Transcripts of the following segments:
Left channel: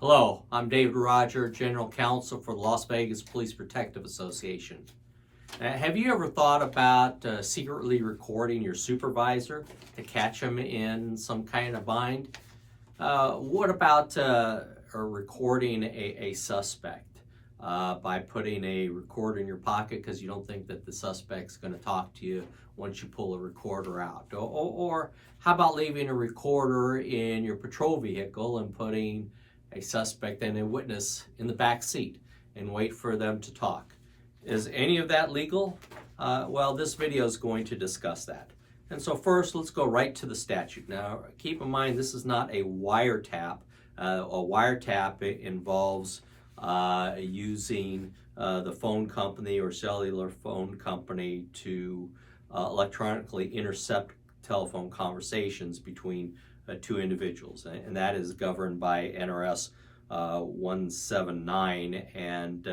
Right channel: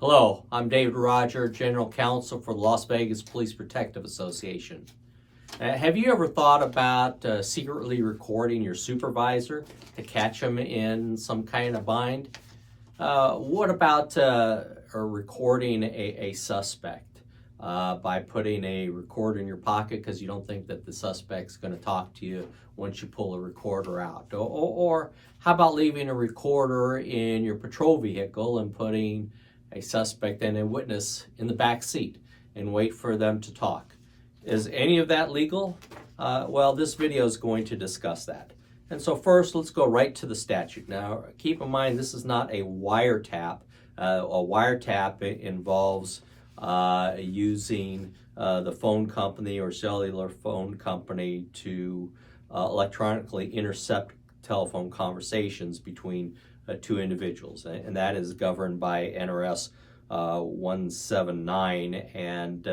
Hello, I'm David Roger, General Counsel for the Las Vegas Police Protective Association. Have you ever thought about secretly recording your supervisor to catch them in some kind of bind? What about recording a suspect by putting a recorder in your pocket because you don't think that the suspect's going to talk to you once you pull a recorder out? Or how about leaving a recorder in your patrol vehicle and putting a suspect and a witness in the back seat and wait for them to talk? Is any of that legal? Well, this video is going to discuss that. And so first, let's go right to the statute. Now, keep in mind, this is not a wiretap. A wiretap involves using the phone company or cellular phone company to electronically intercept telephone conversations between two individuals, and that is governed by NRS 179. And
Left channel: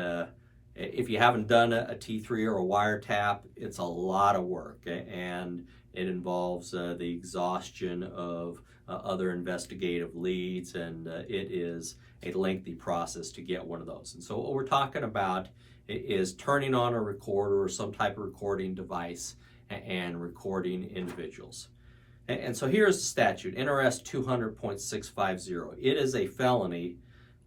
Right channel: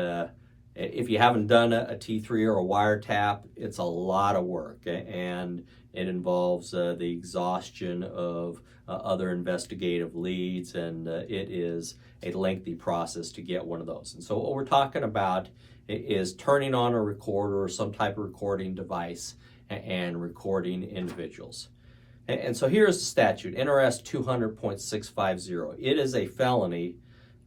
if you haven't done a T3 or a wiretap, it's a lot of work, and it involves the exhaustion of other investigative leads, and it is a lengthy process to get one of those. And so what we're talking about is turning on a recorder or some type of recording device and recording individuals. And so here's the statute, NRS 200.650. It is a felony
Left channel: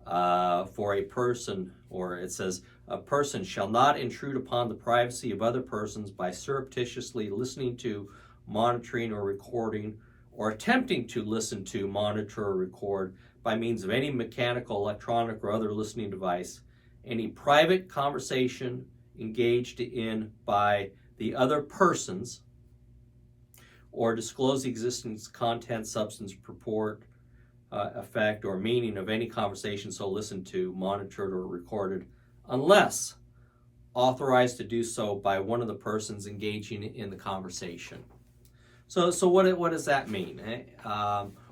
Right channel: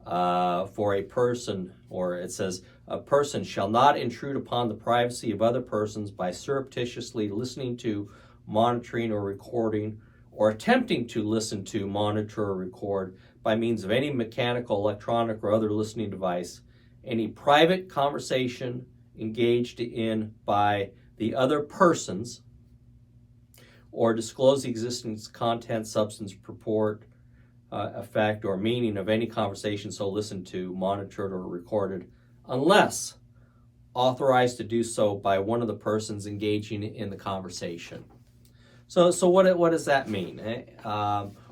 for a person, or it says, a person shall not intrude upon the privacy of other persons by surreptitiously listening to, monitoring, or recording, or attempting to listen to, monitor, or record by means of any mechanical, electronic, or other listening device, any private conversation engaged in by the other persons, or disclose the existence, content, substance, purport, effect, or meaning of any conversation so listened to, monitored, or recorded, unless authorized to do so by one of the persons engaging in the conversation. So what does that mean?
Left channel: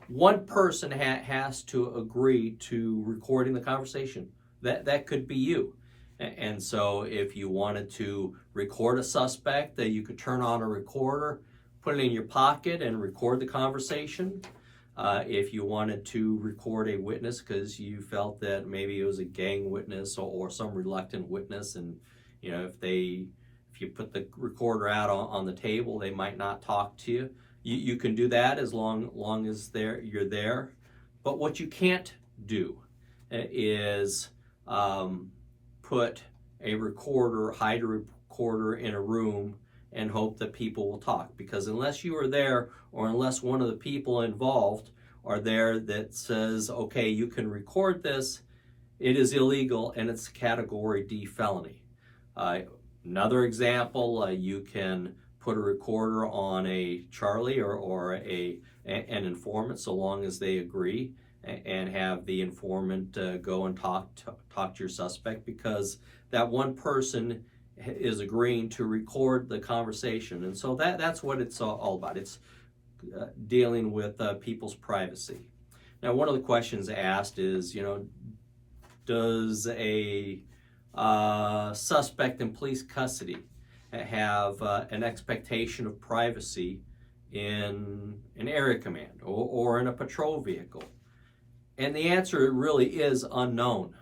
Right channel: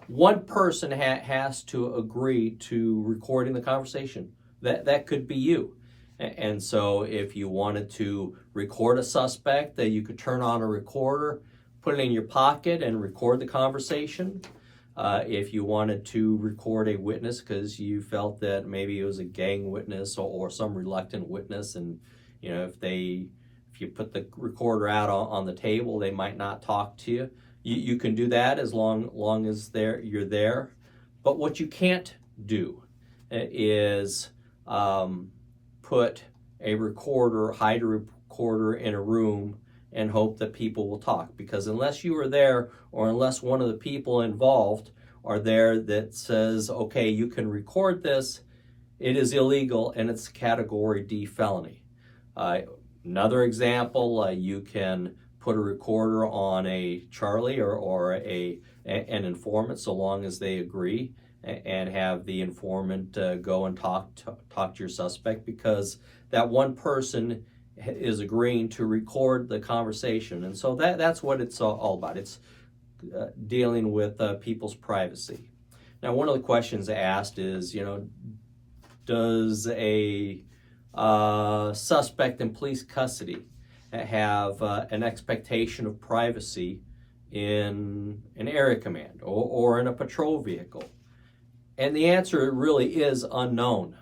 One person has to agree to recording the conversation. That could be you. And so if you wanted to record a suspect, you could turn on a recorder, put it in your pocket, and record the conversation. If you wanted to record a witness because you felt that maybe it was a gang witness or some reluctant witness, and you know, if you put the recorder out on the table, they might not talk to you. You can do that as long as you're there. But what you can't do is put a recorder, hide a recorder in a room and hope that people will talk, because unless you are there, or unless one of the people involved are there that says, okay, you can record this, it is illegal and it's a category D felony. Another example, you can put a recorder on a Charlie or an informant, so long as they agree, and have the informant go and talk to your suspect, because that one person is agreeing to record the conversation. And so that's what it's all about. It's dealing with people's privacy. Now, one of the questions asked is, does a suspect in police custody have an expectation of privacy in an area command or in a patrol vehicle? And the answer really is unknown.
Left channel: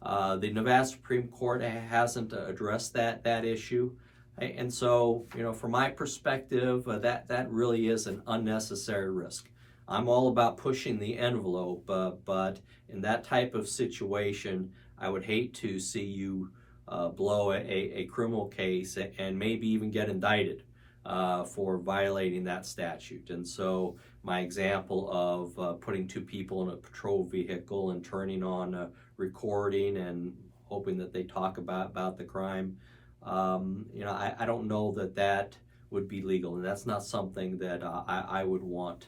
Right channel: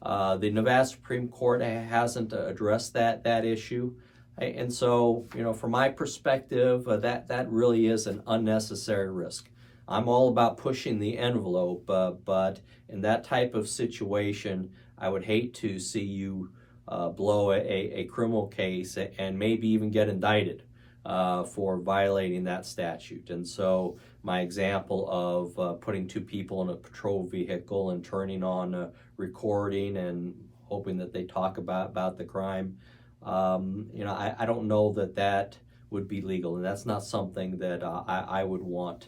The Nevada Supreme Court hasn't addressed that issue. And so, from my perspective, that really is an unnecessary risk. I'm all about pushing the envelope, but in that type of situation, I would hate to see you blow a criminal case and maybe even get indicted for violating that statute. And so my example of putting two people in a patrol vehicle and turning on recording and hoping that they talk about the crime, I don't know that would be legal, and that's not something that I would want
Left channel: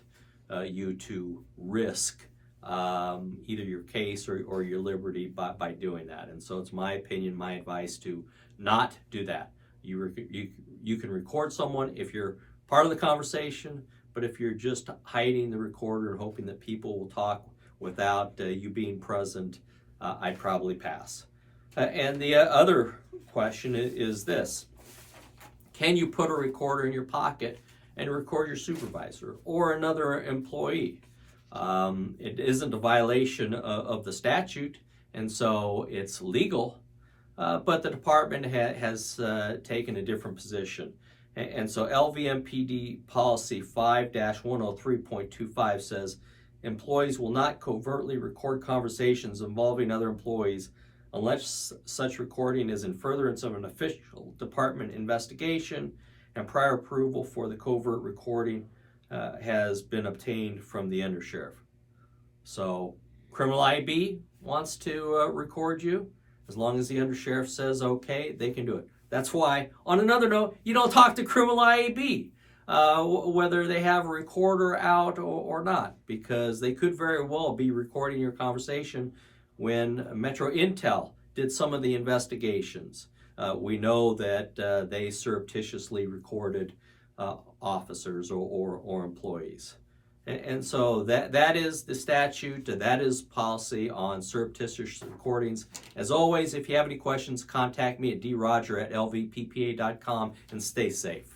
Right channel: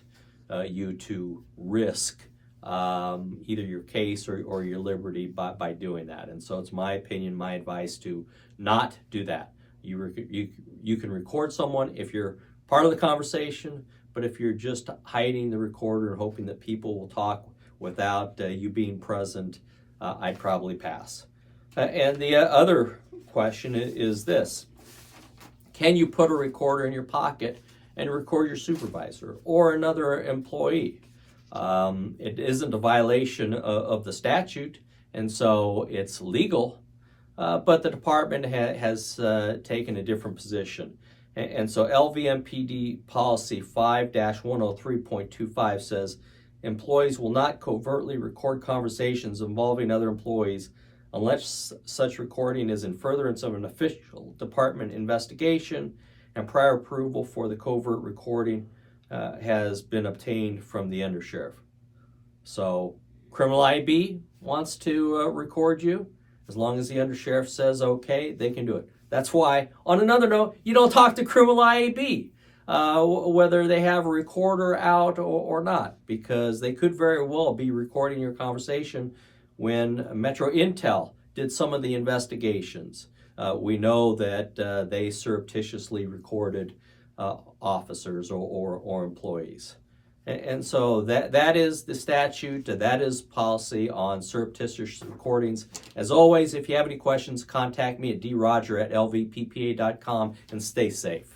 you to risk either your case or your liberty by doing that. And so it's my opinion, my advice to not do that. You can record someone if you're part of the conversation, but if you're just hiding the recorder and hoping that people will talk without you being present, I'd probably pass. And the other question is this: can you put a recorder in your pocket and record your supervisor or another employee? It isn't a violation of the statute, and so it's legal, but the department has taken a different position. And so LVMPD policy 5-103.25 says employees will not covertly record conversations involving other employees unless such recording is in furtherance of an official department investigation and prior approval for the covert recording has been obtained from the undersheriff. So criminal IB wants to record you. As long as the undersheriff says okay, they can do it. That's why, on another note, you don't talk to criminal IAB, whether they have a recorder out or not, because they could very well be recording your conversation when Metro Intel did some of the investigations. We know that they surreptitiously recorded officers or employees. And so that is the statute, that is policy on surreptitious recordings. As always, if you have any questions, contact me at droger@lvppa.com and stay safe.